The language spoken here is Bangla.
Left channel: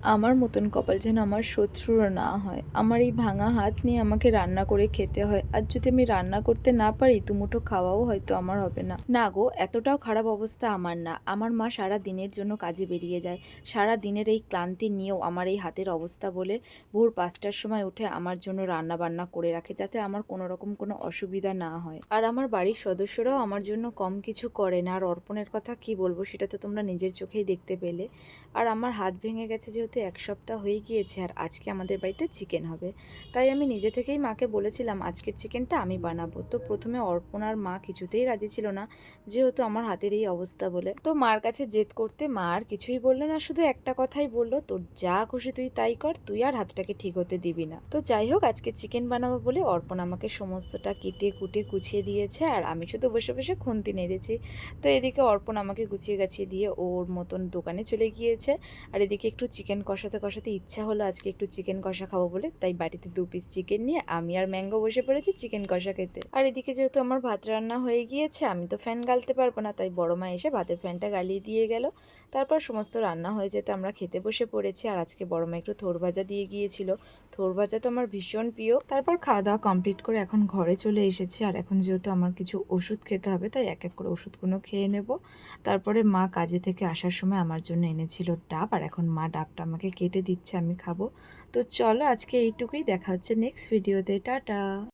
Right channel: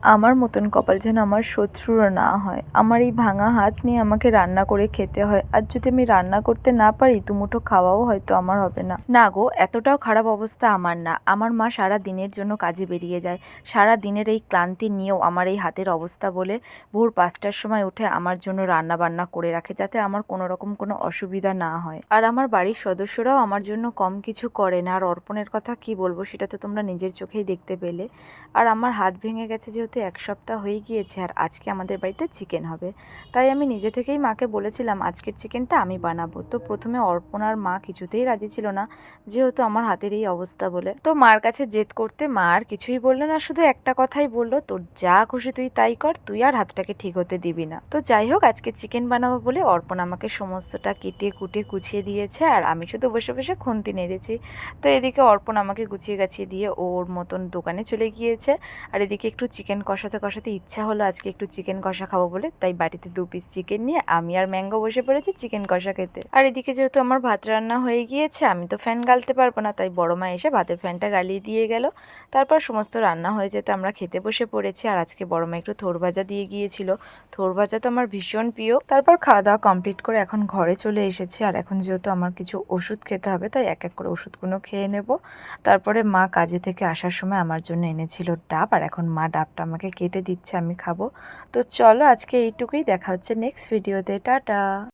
আমার মতন কপাল যেন আমার শত্রুরা না হয়। আমার এই ভাঙা হাত নিয়ে আমাকে রান্না করে খেতে হয়। আর যদি আমি রান্না করতে না পারি দুমুঠো খাওয়াও হয়তো আমার হবে না। না গো, এতটাও খারাপ অবস্থা আমার না। আমার মা সারা দিনের জন্য কাজে বেরিয়ে যায়। সারা দিনের এই ক্লান্তি নিয়েও আমার এই হাতের অবস্থা বলে ভোর ৫টার সময় উঠে আমার জন্য রান্না বান্না করে রাখে, যাতে আমার কোনো রকম কোনো অসুবিধা না হয়। আর আমার বাড়ির সদস্যরাও আমার জন্য কম কিছু করে না। আর অর্পণের কথা কি বলবো, সেটা তো তোমরা নিজের চোখেই দেখতে পেলে। আর আমার হাত ভেঙে গেছে যেহেতু ১ সপ্তাহ হয়ে গিয়েছে, আর আজকে আমাদের বাড়িতে চিকেন হবে। তাই আমি নিজে থেকেই মাকে বলেছিলাম আজকের চিকেনটা আমি বানাবো। তো প্রথমে অর্পণ আর মা কিছুতেই রাজি ছিল না, যেহেতু আমার হাতের এই অবস্থা বলে। তো মার কাছে জেদ করতে মা আর কিছুই বললো না, শুধু একটা কথাই বললো, তোর যা খুশি তুই তাই কর, তুই আর হাতটাকে ঠিক হতে দিবি না। তো যাই হোক, আজকে চিকেন বানাবো বলে অর্পণ আমাকে সমস্তটা কেটে কুটে গুছিয়ে দিয়েছে, আর আমি শুধু বসে বসে খুন্তি নেড়েছি। তো এদিকে অর্পণ আমাকে গুছিয়ে গাছিয়ে দিয়ে ওর মতন দোকানে চলে গিয়েছে। আর এদিকে একটু চিকেন কষাতে কষাতে ইচ্ছা হলো আজকে একটু চিকেন কষা খাবো বলে, তাই বাটিতে ২ পিস চিকেন নিয়ে আমি আর ম্যাঙ্গো বসে পড়েছি চিকেন কষা খেতে। আর এদিকে যেহেতু আমার ভাত রান্না হয়ে গিয়েছে, আমি তো ফ্যান গালতে পারবো না, তাই বড় মা এসে ভাতের ফ্যানটা গালিয়ে দিয়ে গেল। তারপর সমস্ত রান্না হয়ে যেতে আমরা খেতে বসে পড়েছি। আর আজকে বড় মা একটু থোড় ভাজা দিয়ে গিয়েছিল। থোড় ভাজা তো আমার ভীষণ প্রিয়। তারপর খাওয়া দাওয়া কমপ্লিট করে এখন ঘরে চলে এসেছি। আর এখন যেহেতু আমার কিছু ওষুধ খেতে হবে, তাই এক এক করে ওষুধগুলো খেয়ে নেব। তারপরে মা কাজে থেকে আসার সময় আমার জন্য এনেছিল ডাব, আর এখন মা ডাবটা আমাকে কেটে দিচ্ছে, আমি খাবো। তো চলো আজকে এইটুকুই, দেখা হচ্ছে নেক্সট ভিডিওতে। টাটা।